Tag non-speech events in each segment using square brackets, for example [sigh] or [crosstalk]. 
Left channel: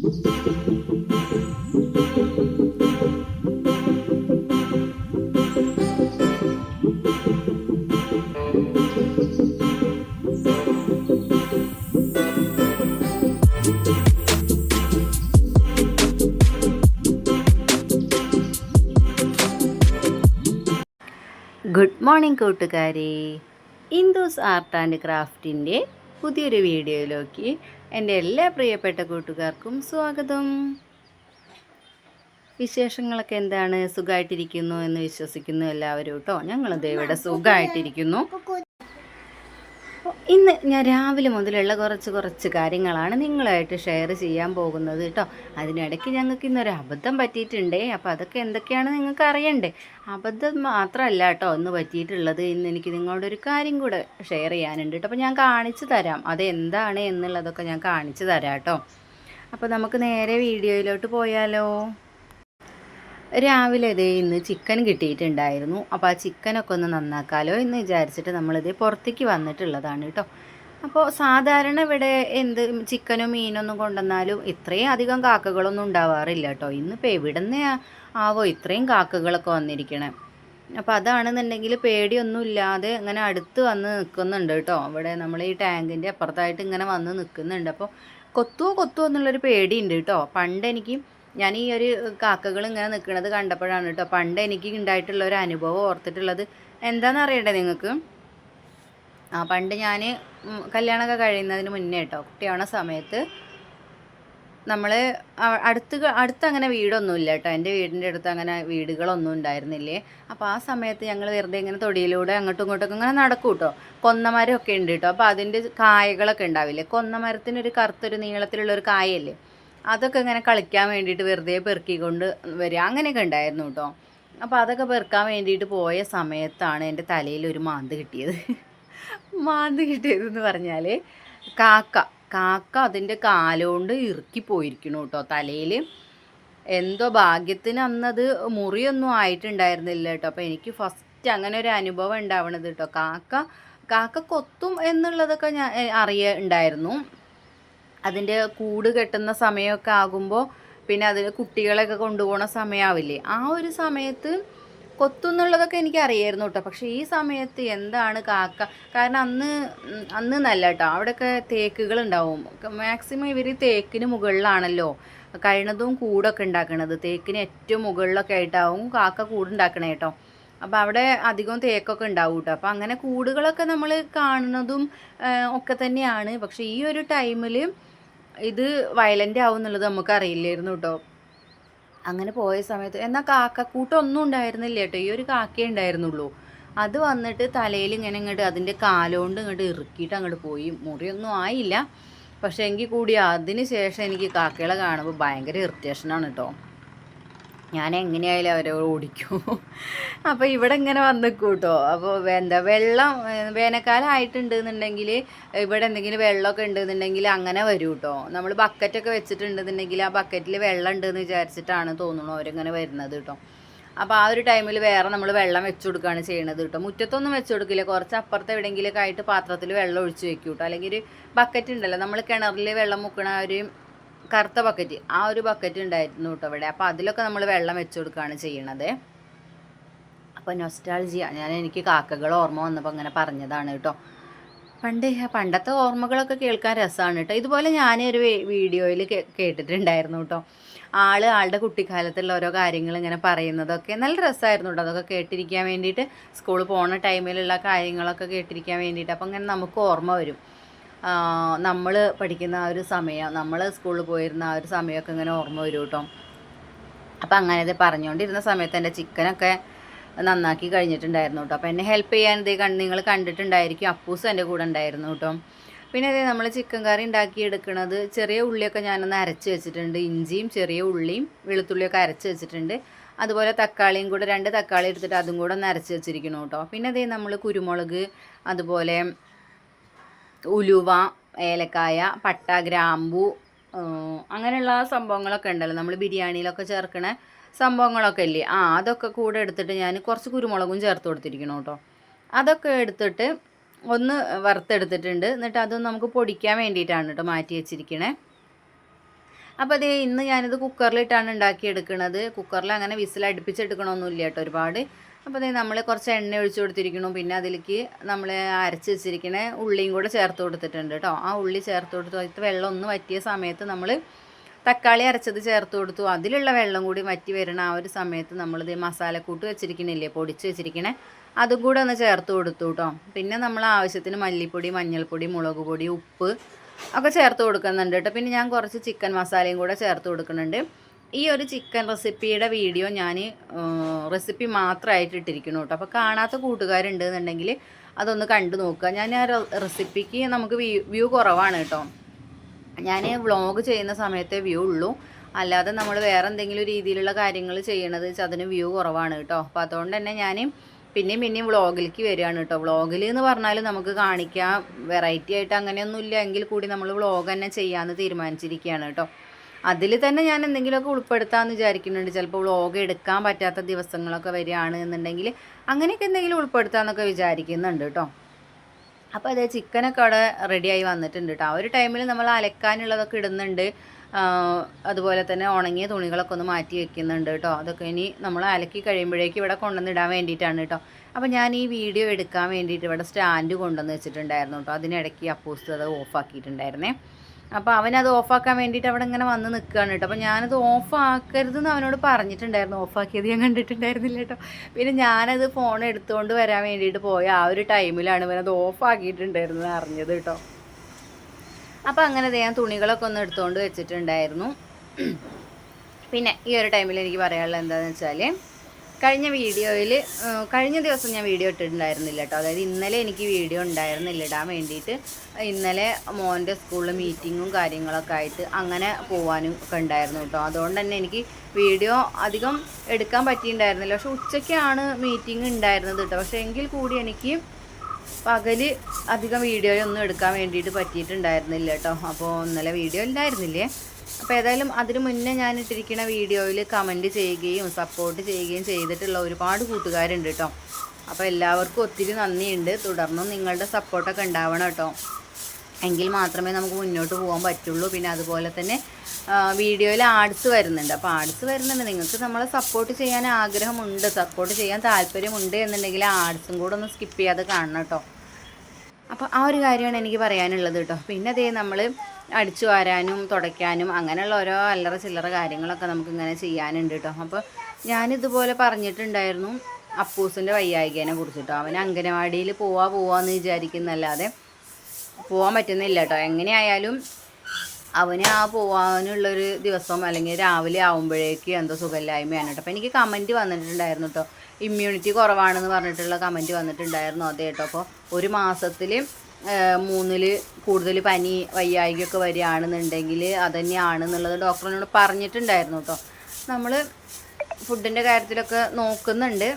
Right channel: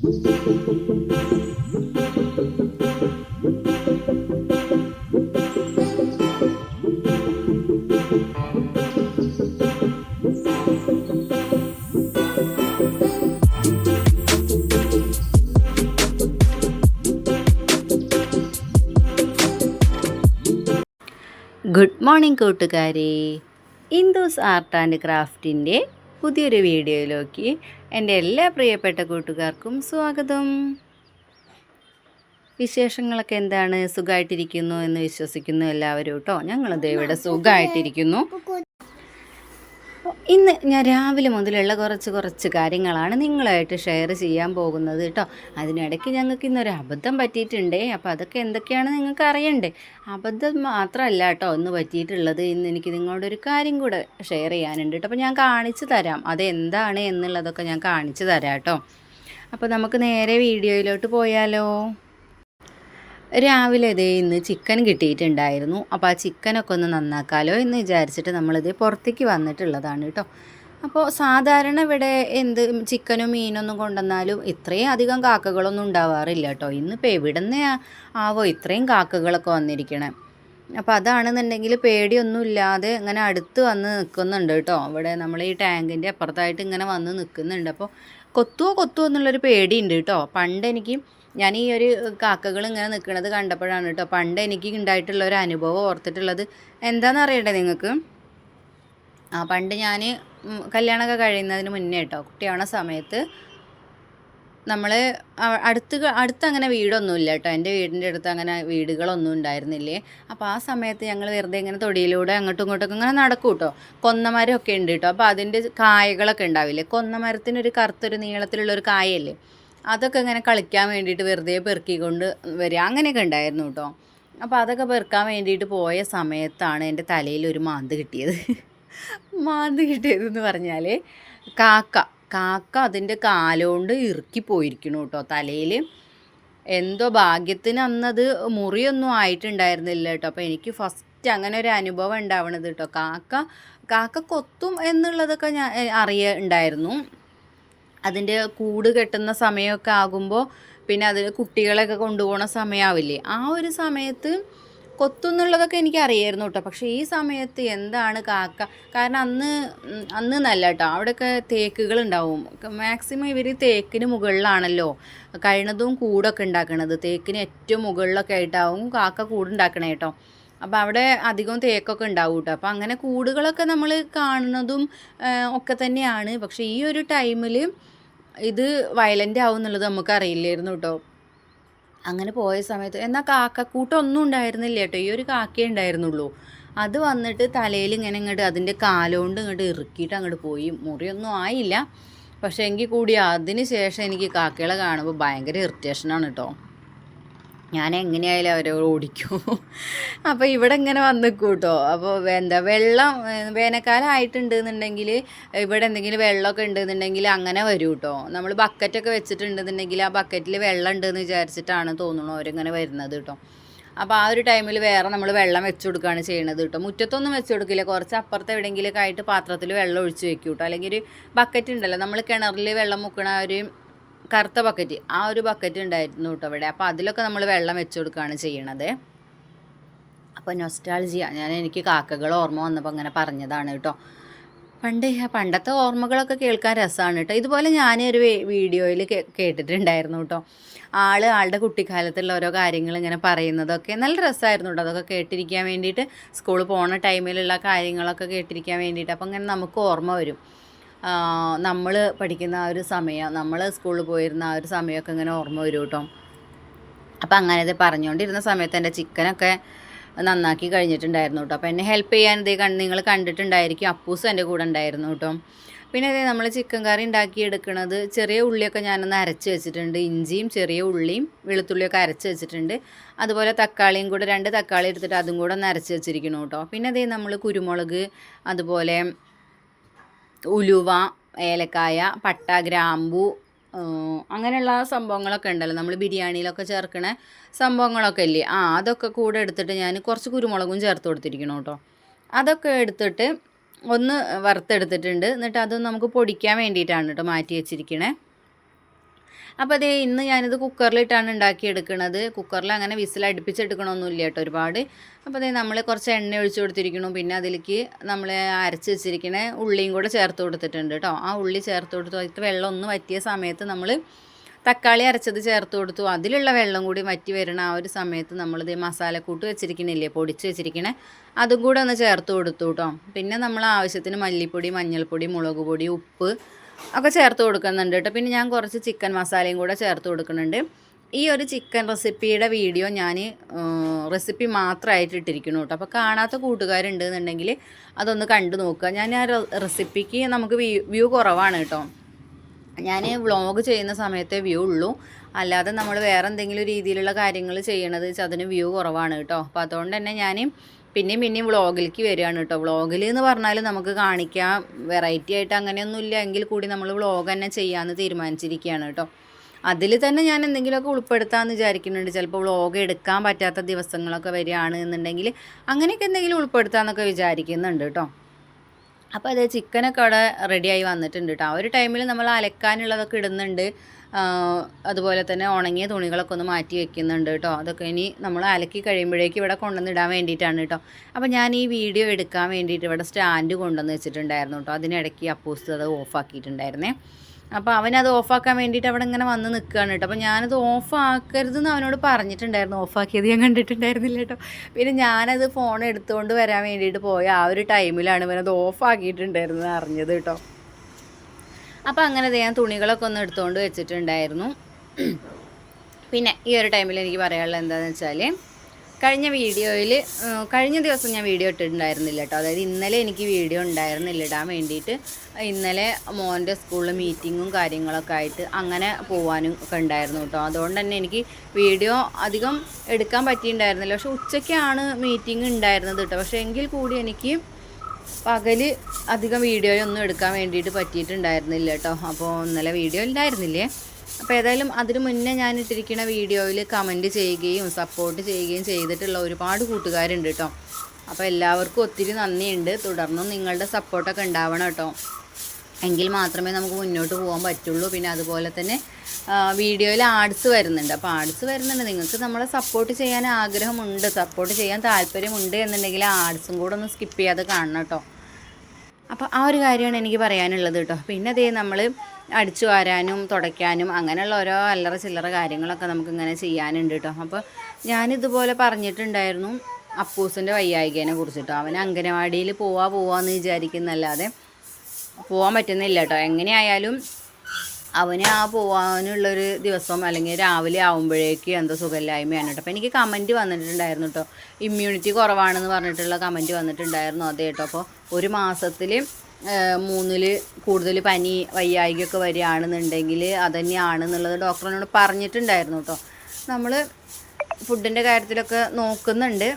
Good morning കൂട്ടുകാരെ. ഇൻഡോസ് art and ക്രാഫ്റ്റിന്റെ പുതിയൊരു വീഡിയോയിലേക്ക് എന്റെ എല്ലാ പ്രിയപ്പെട്ട കൂട്ടുകാർക്കും സ്വാഗതം. വിശേഷങ്ങളൊക്കെ എന്താണ്? സുഖമായിട്ടിരിക്കുന്നു എന്ന് വിശ്വസിക്കുന്നു എല്ലാവരും കേട്ടോ. ഞങ്ങൾ ദൈവയുടെ സുഖമായിട്ടിരിക്കുന്നു അപ്പോൾ ഇന്ന് ഞാൻ രാവിലെ മുതലുള്ള കുറച്ച് കുറച്ച് കാര്യങ്ങളാണ് നിങ്ങളായിട്ട് ഷെയർ ചെയ്യാൻ പോകുന്നത് കേട്ടോ അതിനിടയ്ക്ക് ഞങ്ങൾക്ക് ഇന്നൊരു അബദ്ധം പറ്റിയിട്ടുണ്ടേ. അപ്പോൾ അതൊക്കെ എന്തൊക്കെയാണ് നിങ്ങൾക്ക് അറിയണ്ടേ? അബദ്ധം മാത്രമല്ല കേട്ടോ ഒന്ന് പറ്റിയിട്ടുള്ളത്. ഇന്ന് എനിക്ക് നിങ്ങളോട് ഒരു കാര്യം കൂടെ ഷെയർ ചെയ്യാനുണ്ട് കേട്ടോ അപ്പോൾ ഞാൻ കാണിച്ചു തരാം. അതെന്താണ് എന്നുള്ളതൊക്കെ ഞാൻ കാണിച്ചു തരാം കേട്ടോ അപ്പോൾ നമുക്ക് നേരെ വീഡിയോയിലോട്ട് പോയാലോ? രാവിലെ ഇതേ ഇന്ന് ചിക്കൻ കിട്ടിയിട്ടുണ്ടായിരുന്നു. അപ്പോൾ ആ ചിക്കനൊക്കെ ഒന്ന് നന്നാക്കാലോ എന്ന് വിചാരിച്ചിട്ട് നമ്മളിത് പുറത്തേക്ക് വന്നിട്ടുള്ളതാണ് കേട്ടോ. അപ്പോൾ സാധാരണ ഇവിടെ എന്ത് ചിക്കനും മീനൊന്നും കൊണ്ടുവന്നാലും ഇത്രയും അധികം കാക്കകളൊന്നും ഉണ്ടാവാറില്ല കേട്ടോ. ഇന്നിപ്പോൾ എവിടെ ആവോ ഇത്രയും കാക്കകളൊക്കെ വന്നിരിക്കണേ? അപ്പോൾ അതാണെന്നുണ്ടെങ്കിൽ പേടിയൊന്നും ഇല്ലാതെ ഇങ്ങനെ അടുത്ത് വന്ന് നിൽക്കുന്നുണ്ട് കേട്ടോ. ഇവിടെ നമ്മൾ ഈ ടാങ്കിന്റെ അപ്പുറത്തായിട്ട് ഇങ്ങനെ വന്ന് നിൽക്കുന്നുണ്ട് അപ്പോൾ കൊത്തുവോ കൊത്തുവോ എന്നുള്ളൊരു പേടിയുണ്ട് കേട്ടോ. പണ്ട് എനിക്ക് ഞാൻ ഈ ഒരു കാക്കകൾ ഇങ്ങനെ നിൽക്കുന്നത് കണ്ടപ്പോഴാണ് കേട്ടോ. പണ്ട് എനിക്ക് ഉണ്ടായിട്ടുള്ള ഒരു അനുഭവം ഓർത്തിട്ടുള്ളത്. എന്താണെന്ന് അറിയണ്ടേ നിങ്ങൾക്ക്? ആ പണ്ട് ഞാൻ കല്യാണമൊക്കെ കഴിയുന്നതിന് മുന്നേ കേട്ടോ കുട്ടിയാവണ സമയത്ത് നമ്മൾ അടുത്ത് അടുത്ത് അങ്ങനെ വീടൊന്നുമില്ല കേട്ടോ. എന്റെ വീടിന്റെ അടുത്ത് അങ്ങനെ വീടുകളൊന്നും ഉണ്ടായിരുന്നില്ലേ. അപ്പോൾ ആ സമയത്ത് ഞങ്ങൾ വെറുതെ ഇങ്ങനെ തൊടിയിലൂടെ അങ്ങോട്ടും ഇങ്ങോട്ടും ഇങ്ങനെ നടക്കും കേട്ടോ. കൊന്നമരമൊക്കെ ഉണ്ട് കേട്ടോ. അപ്പോൾ അതിന്റെ കായകളൊക്കെ ഉണ്ടാവില്ലേ? കൊന്നമരത്തിനൊരു കറുത്തൊരു നീളത്തിലുള്ള ഒരു കായല്ലേ അതൊക്കെ ഇങ്ങനെ കളിക്കാൻ വേണ്ടിയിട്ട് വെറുതെ പെറുക്കിക്കൊണ്ട് വരിക. അങ്ങനെയൊക്കെ ഉണ്ടായിരുന്നു കേട്ടോ. അപ്പോൾ അതൊക്കെ പെറുക്കാൻ വേണ്ടിയിട്ട് പോയ സമയത്താണ് എന്റെ തലയിൽ ഒരു മാന്ത് കിട്ടിയത്. മാന്ത് കിട്ടിയതെന്ന് പറഞ്ഞാൽ കാക്ക. കാക്ക അതിന്റെ കാലുകൊണ്ട് ഇറുക്കി പോയിരിക്കണു കേട്ടോ തലയിൽ എന്തോ ഭാഗ്യത്തിന് അന്നത് മുറിയൊന്നും ആയിട്ടുണ്ടായിരുന്നില്ല കേട്ടോ. അപ്പോൾ എനിക്ക് ഫസ്റ്റ് അങ്ങനെ ഒരു അനുഭവം ഉണ്ടാവണത് കേട്ടോ. കാക്ക കാക്ക കൊത്തും എന്നുള്ളതൊക്കെ ഞാൻ അറിയ ഉണ്ടായിരുന്നു. അതിന്റെ കൂട് കെട്ടുന്ന സമയമൊക്കെ ആകുമ്പോൾ പിന്നെ അതിൽ കുട്ടികളെയൊക്കെ കൊണ്ടുപോകുന്ന സമയമാവില്ലേ ആ ഒരു സമയത്ത് കൊത്തുന്നുള്ളതൊക്കെ എനിക്ക് അറിയായിരുന്നു കേട്ടോ. പക്ഷേ ഈ സമയത്ത് എന്താണ് കാക്ക? കാരണം അന്ന് അന്ന് നല്ല കേട്ടോ. അവിടെയൊക്കെ തേക്കുകൾ ഉണ്ടാവും മാക്സിമം ഇവർ തേക്കിന് മുകളിലാണല്ലോ. കഴിഞ്ഞതും കൂടൊക്കെ ഉണ്ടാക്കണത്. തേക്കിന് ഏറ്റവും മുകളിലൊക്കെ ആയിട്ടാവും കാക്ക കൂടുണ്ടാക്കണേ കേട്ടോ. അപ്പോൾ അവിടെ അധികം തേക്കൊക്കെ ഉണ്ടാവും കേട്ടോ. അപ്പോൾ അങ്ങനെ കൂടുകളൊക്കെ നമ്മൾ കാണുന്നതും ഒക്കെ തന്നെയാണ്. പക്ഷേ ഈ ഒരു ടൈമിൽ ഇത് വയലന്റ് ആവും എന്നുള്ളത് നമുക്ക് അറിയില്ലായിരുന്നു കേട്ടോ അങ്ങനെ പോയ സമയത്ത് എന്നാൽ കാക്കക്കൂട്ടൊന്നും ഉണ്ടായിരുന്നില്ല കേട്ടോ ഈ ഒരു കാക്കേ ഉണ്ടായിരുന്നുള്ളൂ. അത് വന്നിട്ട് തലയിൽ ഇങ്ങനെ ഇങ്ങോട്ട് അതിന്റെ കാലുകൊണ്ട് ഇങ്ങോട്ട് ഇറുക്കിയിട്ട് അങ്ങോട്ട് പോയി. മുറിയൊന്നും ആയില്ല. പക്ഷേ എങ്കിൽ കൂടി അതിന് ശേഷം എനിക്ക് കാക്കകളെ കാണുമ്പോൾ ഭയങ്കര ഇറിറ്റേഷനാണ് കേട്ടോ ഞാൻ എങ്ങനെയായാലും അവരെ ഓടിക്കും. അപ്പോൾ ഇവിടെ ഇങ്ങനെ വന്ന് കൂട്ടോ അപ്പോൾ എന്താ വെള്ളം വേനൽക്കാലം ആയിട്ടുണ്ടെന്നുണ്ടെങ്കിൽ ഇവിടെ എന്തെങ്കിലും വെള്ളമൊക്കെ ഉണ്ടെന്നുണ്ടെങ്കിൽ അങ്ങനെ വരും കേട്ടോ നമ്മൾ ബക്കറ്റൊക്കെ വെച്ചിട്ടുണ്ടെന്നുണ്ടെങ്കിൽ ആ ബക്കറ്റിൽ വെള്ളം ഉണ്ടെന്ന് വിചാരിച്ചിട്ടാണ് തോന്നുന്നു അവരിങ്ങനെ വരുന്നത് കേട്ടോ അപ്പോൾ ആ ഒരു ടൈമിൽ വേറെ നമ്മൾ വെള്ളം വെച്ച് കൊടുക്കുകയാണ് ചെയ്യണത് കേട്ടോ മുറ്റത്തൊന്നും വെച്ച് കൊടുക്കില്ല. കുറച്ച് അപ്പുറത്ത് എവിടെയെങ്കിലുമൊക്കെ ആയിട്ട് പാത്രത്തിൽ വെള്ളം ഒഴിച്ച് വെക്കും കേട്ടോ അല്ലെങ്കിൽ ഒരു ബക്കറ്റ് ഉണ്ടല്ലോ നമ്മൾ കിണറിൽ വെള്ളം മുക്കണ ഒരു കറുത്ത ബക്കറ്റ് ആ ഒരു ബക്കറ്റ് ഉണ്ടായിരുന്നു കേട്ടോ ഇവിടെ. അപ്പോൾ അതിലൊക്കെ നമ്മൾ വെള്ളം വെച്ച് കൊടുക്കുകയാണ് ചെയ്യണത്. അപ്പോൾ നൊസ്റ്റാൾജിയ ഞാൻ എനിക്ക് കാക്കകൾ ഓർമ്മ വന്നപ്പോൾ അങ്ങനെ പറഞ്ഞതാണ് കേട്ടോ. പണ്ട് പണ്ടത്തെ ഓർമ്മകളൊക്കെ കേൾക്കാൻ രസമാണ് കേട്ടോ. ഇതുപോലെ ഞാൻ ഒരു വീഡിയോയിൽ കേട്ടിട്ടുണ്ടായിരുന്നു കേട്ടോ. ആൾ ആളുടെ കുട്ടിക്കാലത്തുള്ള ഓരോ കാര്യങ്ങൾ ഇങ്ങനെ പറയുന്നതൊക്കെ നല്ല രസമായിരുന്നു കേട്ടോ. അതൊക്കെ കേട്ടിരിക്കാൻ വേണ്ടിയിട്ട് സ്കൂളിൽ പോകുന്ന ടൈമിലുള്ള കാര്യങ്ങളൊക്കെ കേട്ടിരിക്കാൻ വേണ്ടിയിട്ട്. അപ്പോൾ അങ്ങനെ നമുക്ക് ഓർമ്മ വരും. നമ്മൾ പഠിക്കുന്ന ആ ഒരു സമയം നമ്മൾ സ്കൂളിൽ പോയിരുന്ന ആ ഒരു സമയമൊക്കെ ഇങ്ങനെ ഓർമ്മ വരും കേട്ടോ. അപ്പം അങ്ങനത്തെ പറഞ്ഞുകൊണ്ടിരുന്ന സമയത്ത് എന്റെ ചിക്കനൊക്കെ നന്നാക്കി കഴിഞ്ഞിട്ടുണ്ടായിരുന്നു കേട്ടോ. അപ്പം എന്നെ ഹെൽപ്പ് ചെയ്യാൻ ഇതേ കണ്ട് നിങ്ങൾ കണ്ടിട്ടുണ്ടായിരിക്കും അപ്പൂസും എന്റെ കൂടെ ഉണ്ടായിരുന്നു കേട്ടോ. പിന്നെ അതേ നമ്മൾ ചിക്കൻ കറി ഉണ്ടാക്കി എടുക്കുന്നത് ചെറിയ ഉള്ളിയൊക്കെ ഞാനൊന്ന് അരച്ച് വെച്ചിട്ടുണ്ട്. ഇഞ്ചിയും ചെറിയ ഉള്ളിയും വെളുത്തുള്ളിയൊക്കെ അരച്ച് വെച്ചിട്ടുണ്ട്. അതുപോലെ തക്കാളിയും കൂടെ രണ്ട് തക്കാളി എടുത്തിട്ട് അതും കൂടെ ഒന്ന് അരച്ച് വെച്ചിരിക്കണം കേട്ടോ. പിന്നെ അതേ നമ്മൾ കുരുമുളക് അതുപോലെ ഉലുവ ഏലക്കായ പട്ട ഗ്രാമ്പു അങ്ങനെയുള്ള സംഭവങ്ങളൊക്കെ ഉണ്ടല്ലോ. നമ്മൾ ബിരിയാണിയിലൊക്കെ ചേർക്കണ സംഭവങ്ങളൊക്കെ ഇല്ലേ? ആ അതൊക്കെ കൂടെ എടുത്തിട്ട് ഞാൻ കുറച്ച് കുരുമുളകും ചേർത്ത് കൊടുത്തിരിക്കണം കേട്ടോ. അതൊക്കെ എടുത്തിട്ട് ഒന്ന് വറുത്തെടുത്തിട്ടുണ്ട്. എന്നിട്ട് അതൊന്ന് നമുക്ക് പൊടിക്കാൻ വേണ്ടിയിട്ടാണ് കേട്ടോ മാറ്റി വെച്ചിരിക്കണേ. അപ്പോൾ അതേ ഇന്ന് ഞാനിത് കുക്കറിലിട്ടാണ് ഉണ്ടാക്കിയെടുക്കുന്നത് കുക്കറിൽ അങ്ങനെ വിസിൽ അടുപ്പിച്ചെടുക്കണമൊന്നുമില്ല കേട്ടോ ഒരുപാട്. അപ്പോൾ അതേ നമ്മൾ കുറച്ച് എണ്ണ ഒഴിച്ച് കൊടുത്തിരിക്കണം പിന്നെ അതിലേക്ക് നമ്മൾ അരച്ച് വെച്ചിരിക്കണ ഉള്ളിയും കൂടെ ചേർത്ത് കൊടുത്തിട്ടുണ്ട് കേട്ടോ ആ ഉള്ളി ചേർത്ത് കൊടുത്തു. അതിൽ വെള്ളം ഒന്ന് വറ്റിയ സമയത്ത് നമ്മൾ തക്കാളി അരച്ചത് ചേർത്ത് കൊടുത്തു. അതിലുള്ള വെള്ളം കൂടി വറ്റി വരണ ആ ഒരു സമയത്ത് നമ്മളിത് മസാലക്കൂട്ട് വെച്ചിരിക്കണില്ലേ പൊടിച്ച് വെച്ചിരിക്കണേ അതും കൂടെ ഒന്ന് ചേർത്ത് കൊടുത്തു കേട്ടോ പിന്നെ നമ്മൾ ആവശ്യത്തിന് മല്ലിപ്പൊടി മഞ്ഞൾപ്പൊടി മുളക് പൊടി ഉപ്പ് ഒക്കെ ചേർത്ത് കൊടുക്കുന്നുണ്ട് കേട്ടോ പിന്നെ ഞാൻ കുറച്ച് ചിക്കൻ മസാലയും കൂടെ ചേർത്ത് കൊടുക്കുന്നുണ്ട്. ഈ ഒരു ചിക്കൻ റെസിപ്പിയുടെ വീഡിയോ ഞാൻ റെസിപ്പി മാത്രമായിട്ട് ഇട്ടിരിക്കുന്നു കേട്ടോ അപ്പോൾ കാണാത്ത കൂട്ടുകാരുണ്ട് എന്നുണ്ടെങ്കിൽ അതൊന്ന് കണ്ടു നോക്കുക. ഞാൻ ആ റെസിപ്പിക്ക് നമുക്ക് വ്യൂ കുറവാണ് കേട്ടോ. ഞാൻ വ്ളോഗ് ചെയ്യുന്ന സമയത്തെ വ്യൂ ഉള്ളൂ. അല്ലാതെ നമ്മൾ വേറെ എന്തെങ്കിലും രീതിയിലുള്ള കാര്യങ്ങൾ ചെയ്യണത് വെച്ചാൽ അതിന് വ്യൂ കുറവാണ് കേട്ടോ. അപ്പോൾ അതുകൊണ്ട് തന്നെ ഞാൻ പിന്നെയും പിന്നെയും വ്ളോഗിലേക്ക് വരികയാണ് കേട്ടോ. വ്ളോഗിൽ എന്ന് പറഞ്ഞാൽ നമുക്ക് കാണിക്കാം. വെറൈറ്റി ആയിട്ട് അങ്ങനെയൊന്നുമില്ല. എങ്കിൽ കൂടി നമ്മൾ വ്ളോഗ് തന്നെ ചെയ്യാമെന്ന് തീരുമാനിച്ചിരിക്കുകയാണ് കേട്ടോ. അതിൽ തന്നെ ഞാൻ എന്തെങ്കിലുമൊക്കെ ഉൾപ്പെടുത്താമെന്ന് വിചാരിക്കുന്നുണ്ട്. ചിലപ്പോൾ വ്ളോഗ് എടുക്കാൻ പറ്റാത്ത ദിവസങ്ങളൊക്കെ വരികയാണ് എന്നുണ്ടെങ്കിൽ അങ്ങനെയൊക്കെ എന്തെങ്കിലും ഉൾപ്പെടുത്താമെന്നൊക്കെ വിചാരിക്കുന്നുണ്ട് കേട്ടോ അപ്പോൾ അതേ ചിക്കനൊക്കെ അവിടെ റെഡിയായി വന്നിട്ടുണ്ട് കേട്ടോ ആ ഒരു ടൈമിൽ നമ്മൾ അലക്കാനുള്ളതൊക്കെ ഇടുന്നുണ്ട്. അതുപോലെ തന്നെ ഉണങ്ങിയ തുണികളൊക്കെ ഒന്ന് മാറ്റി വെക്കുന്നുണ്ട് കേട്ടോ അതൊക്കെ ഇനി നമ്മൾ അലക്കി കഴിയുമ്പോഴേക്ക് ഇവിടെ കൊണ്ടുവന്നിടാൻ വേണ്ടിയിട്ടാണ് കേട്ടോ അപ്പോൾ ഞാൻ ഈ വീഡിയോ എടുക്കാൻ വേണ്ടിയിട്ട് ഇവിടെ സ്റ്റാൻഡ് കൊണ്ടുവന്ന് വെച്ചിട്ടുണ്ടായിരുന്നു കേട്ടോ അതിനിടയ്ക്ക് അപ്പോസ്റ്റ് അത് ഓഫാക്കിയിട്ടുണ്ടായിരുന്നേ. അപ്പോൾ അവനത് ഓഫാക്കാൻ വേണ്ടിയിട്ട് അവിടെ ഇങ്ങനെ വന്ന് നിൽക്കുകയാണ് കേട്ടോ. അപ്പോൾ ഞാനത് ഓഫാക്കരുതെന്ന് അവനോട് പറഞ്ഞിട്ടുണ്ടായിരുന്നു. ഓഫാക്കിയത് ഞാൻ കണ്ടിട്ടുണ്ടായിരുന്നില്ല കേട്ടോ. പിന്നെ ഞാനത് ഫോൺ എടുത്തുകൊണ്ട് വരാൻ വേണ്ടിയിട്ട് പോയ ആ ഒരു ടൈമിലാണ് ഇവനത് ഓഫാക്കിയിട്ടുണ്ടായിരുന്നത് അറിഞ്ഞത് കേട്ടോ. അപ്പോൾ അങ്ങനെ ഞാൻ തുണികളൊക്കെ ഒന്ന് എടുത്തുകൊണ്ട് വെച്ചിട്ടുണ്ടായിരുന്നു. പിന്നെ ഈ ഒരു ടൈമിൽ എനിക്ക് പറയാനുള്ളത് എന്താണെന്ന് വെച്ചാൽ കഴിഞ്ഞ വീഡിയോയിൽ കഴിഞ്ഞ ദിവസം ഞാൻ വീഡിയോ ഇട്ടിട്ടുണ്ടായിരുന്നില്ല കേട്ടോ അതായത് ഇന്നലെ എനിക്ക് വീഡിയോ ഉണ്ടായിരുന്നില്ല ഇടാൻ വേണ്ടിയിട്ട്. ഇന്നലെ മോന്റെ സ്കൂളിൽ മീറ്റിങ്ങും കാര്യങ്ങളൊക്കെ ആയിട്ട് അങ്ങനെ പോകാനും ഒക്കെ ഉണ്ടായിരുന്നു കേട്ടോ അതുകൊണ്ട് തന്നെ എനിക്ക് വീഡിയോ അധികം എടുക്കാൻ പറ്റിയിട്ടുണ്ടായിരുന്നില്ല. പക്ഷെ ഉച്ചയ്ക്കാണ് മീറ്റിംഗ് ഉണ്ടായിരുന്നത് കേട്ടോ പക്ഷേ എങ്കിൽ കൂടി എനിക്ക് പകൽ അധികം വീഡിയോയൊന്നും എടുക്കാൻ വേണ്ടിയിട്ട് പറ്റിയിട്ടുണ്ടായിരുന്നില്ല കേട്ടോ അപ്പോൾ ഇന്നലെ വീഡിയോ ഉണ്ടായിരുന്നില്ലേ? അപ്പോൾ ഏതായാലും അതിന് മുന്നേ ഞാൻ ഇട്ടിരിക്കുന്ന വീഡിയോയിൽ കമന്റ് ചെയ്യുകയും സപ്പോർട്ട് ചെയ്യുകയും ചെയ്തിട്ടുള്ള ഒരുപാട് കൂട്ടുകാരുണ്ട് കേട്ടോ. അപ്പോൾ എല്ലാവർക്കും ഒത്തിരി നന്ദിയുണ്ട്. തുടർന്നും നിങ്ങളുടെ സപ്പോർട്ടൊക്കെ ഉണ്ടാവണം കേട്ടോ. എങ്കിൽ മാത്രമേ നമുക്ക് മുന്നോട്ട് പോകാൻ പറ്റുള്ളൂ. പിന്നെ അതുപോലെ തന്നെ വീഡിയോയിൽ ആർട്സ് വരുന്നുണ്ട്. അപ്പോൾ ആർട്സ് വരുന്നുണ്ട്. നിങ്ങൾക്ക് നമ്മളെ സപ്പോർട്ട് ചെയ്യാൻ ആഗ്രഹമുണ്ട്. സപ്പോർട്ട് ചെയ്യാൻ താല്പര്യമുണ്ട് എന്നുണ്ടെങ്കിൽ ആർട്സും കൂടെ ഒന്ന് സ്കിപ്പ് ചെയ്യാതെ കാണണം കേട്ടോ. അപ്പോൾ ആ ഒരു കാര്യമാണ് എനിക്ക് പറയാനുള്ളത് കേട്ടോ. പിന്നെ അതേ നമ്മൾ അടിച്ചു വാരാനും തുടയ്ക്കാനും അങ്ങനെയുള്ള ഓരോ അല്ലറ ചില്ലറ കാര്യങ്ങളൊക്കെ നമുക്ക് ഇങ്ങനെ ചെയ്യാനുണ്ട് കേട്ടോ അപ്പോൾ ഞാനിതുപോലെ പറഞ്ഞിട്ടുണ്ടായിരുന്നു അപ്പൂസിന്റെ വയ്യായികേനെ കുറിച്ചിട്ടോ. അവൻ അംഗനവാടിയിൽ പോവാ പോവാന്ന് വിചാരിക്കുന്നല്ലാതെ പോകാൻ പറ്റുന്നില്ല കേട്ടോ എങ്ങനെയായാലും അവന് ആ പോകാനുള്ളൊരു ദിവസം അല്ലെങ്കിൽ രാവിലെ ആകുമ്പോഴേക്ക് എന്തോ സുഖമില്ലായ്മയാണ് കേട്ടോ അപ്പോൾ എനിക്ക് കമന്റ് വന്നിട്ടുണ്ടായിരുന്നു കേട്ടോ ഇമ്മ്യൂണിറ്റി കുറവാണെന്ന് പറഞ്ഞിട്ടുള്ള കമന്റ് വന്നിട്ടുണ്ടായിരുന്നു അതേ കേട്ടോ അപ്പോൾ ഒരു മാസത്തിൽ മൂന്നിൽ കൂടുതൽ പനി വയ്യായികയൊക്കെ വരികയാണെന്നുണ്ടെങ്കിൽ അതന്നെയാണെന്നുള്ളത് ഡോക്ടറിനോട് പറഞ്ഞിട്ടുണ്ടായിരുന്നു കേട്ടോ. നമ്മൾ ഫുഡിന്റെ കാര്യത്തിലൊക്കെ നോക്കുന്നുണ്ട്.